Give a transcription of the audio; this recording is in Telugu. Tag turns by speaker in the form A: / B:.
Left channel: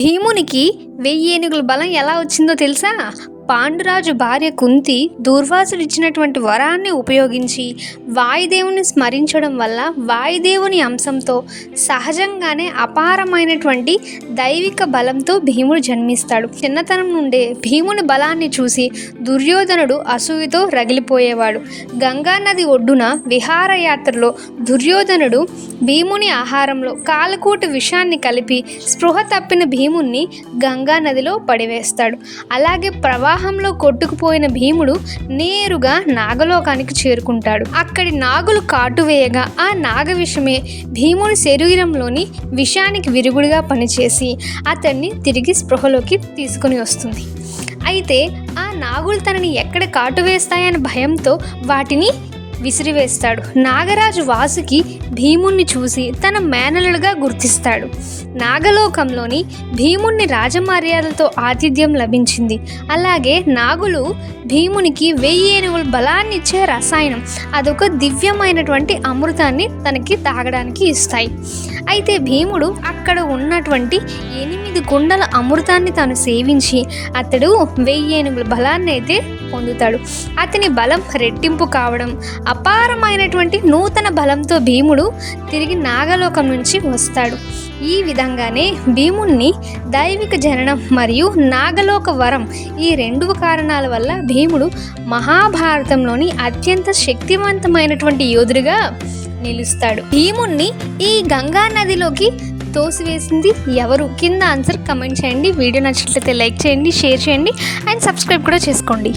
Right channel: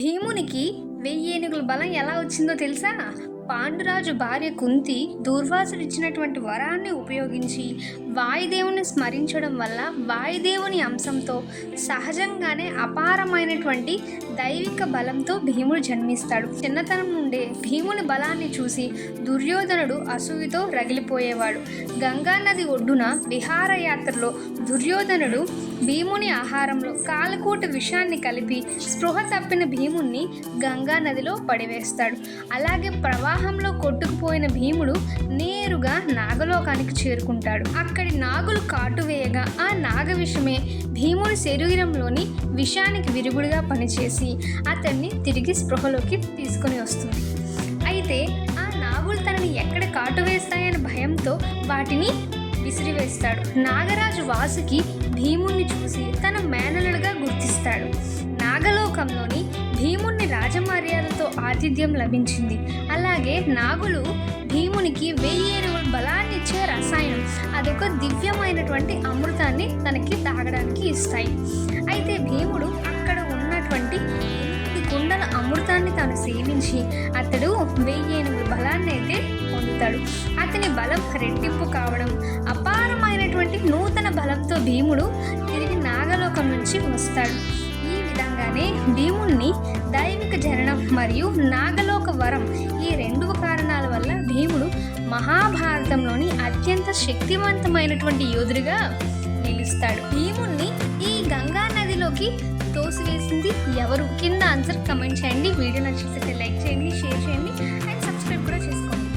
A: rimo భీమునికి వెయ్యి ఏనుగుల బలం ఎలా వచ్చిందో తెలుసా? పాండురాజు భార్య కుంతి దూర్వాసుడు ఇచ్చినటువంటి వరాన్ని ఉపయోగించి వాయుదేవుని స్మరించడం వల్ల వాయుదేవుని అంశంతో సహజంగానే అపారమైనటువంటి దైవిక బలంతో భీముడు జన్మిస్తాడు. చిన్నతనం నుండే భీముని బలాన్ని చూసి దుర్యోధనుడు అసూయతో రగిలిపోయేవాడు. గంగా నది ఒడ్డున విహారయాత్రలో దుర్యోధనుడు భీముని ఆహారంలో కాలకూటి విషాన్ని కలిపి స్పృహ తప్పిన భీముణ్ణి గంగా నదిలో పడివేస్తాడు. అలాగే ప్రవాహంలో కొట్టుకుపోయిన భీముడు నేరుగా నాగలోకానికి చేరుకుంటాడు. అక్కడి నాగులు కాటువేయగా ఆ నాగ విషమే భీముని శరీరంలోని విషానికి విరుగుడుగా పనిచేసి అతన్ని తిరిగి స్పృహలోకి తీసుకుని వస్తుంది. అయితే ఆ నాగులు తనని ఎక్కడ కాటు వేస్తాయన్న భయంతో వాటిని విసిరివేస్తాడు. నాగరాజు వాసుకి భీముణ్ణి చూసి తన మేనలుడుగా గుర్తిస్తాడు. నాగలోకంలోని భీముణ్ణి రాజమర్యాదలతో ఆతిథ్యం లభించింది. అలాగే నాగులు భీమునికి వెయ్యి ఏనుగుల బలాన్ని ఇచ్చే రసాయనం. అదొక దివ్యమైనటువంటి అమృతాన్ని తనకి తాగడానికి ఇస్తాయి. అయితే భీముడు అక్కడ ఉన్నటువంటి ఎనిమిది కుండల అమృతాన్ని తాను సేవించి అతడు వెయ్యి ఏనుగుల బలాన్ని అయితే పొందుతాడు. అతని బలం రెట్టింపు కావడం అపారమైనటువంటి నూతన బలంతో భీముడు తిరిగి నాగలోకం నుంచి వస్తాడు. ఈ విధంగానే భీముణ్ణి దైవిక జననం మరియు నాగలోక వరం ఈ రెండు కారణాల వల్ల భీముడు మహాభారతంలోని అత్యంత శక్తివంతమైనటువంటి యోధుడిగా నిలుస్తాడు. భీముణ్ణి ఈ గంగా నదిలోకి తోసివేసింది. ఎవరు? కింద ఆన్సర్ కమెంట్ చేయండి. వీడియో నచ్చినట్లయితే లైక్ చేయండి షేర్ చేయండి అండ్ సబ్స్క్రైబ్ కూడా చేసుకోండి.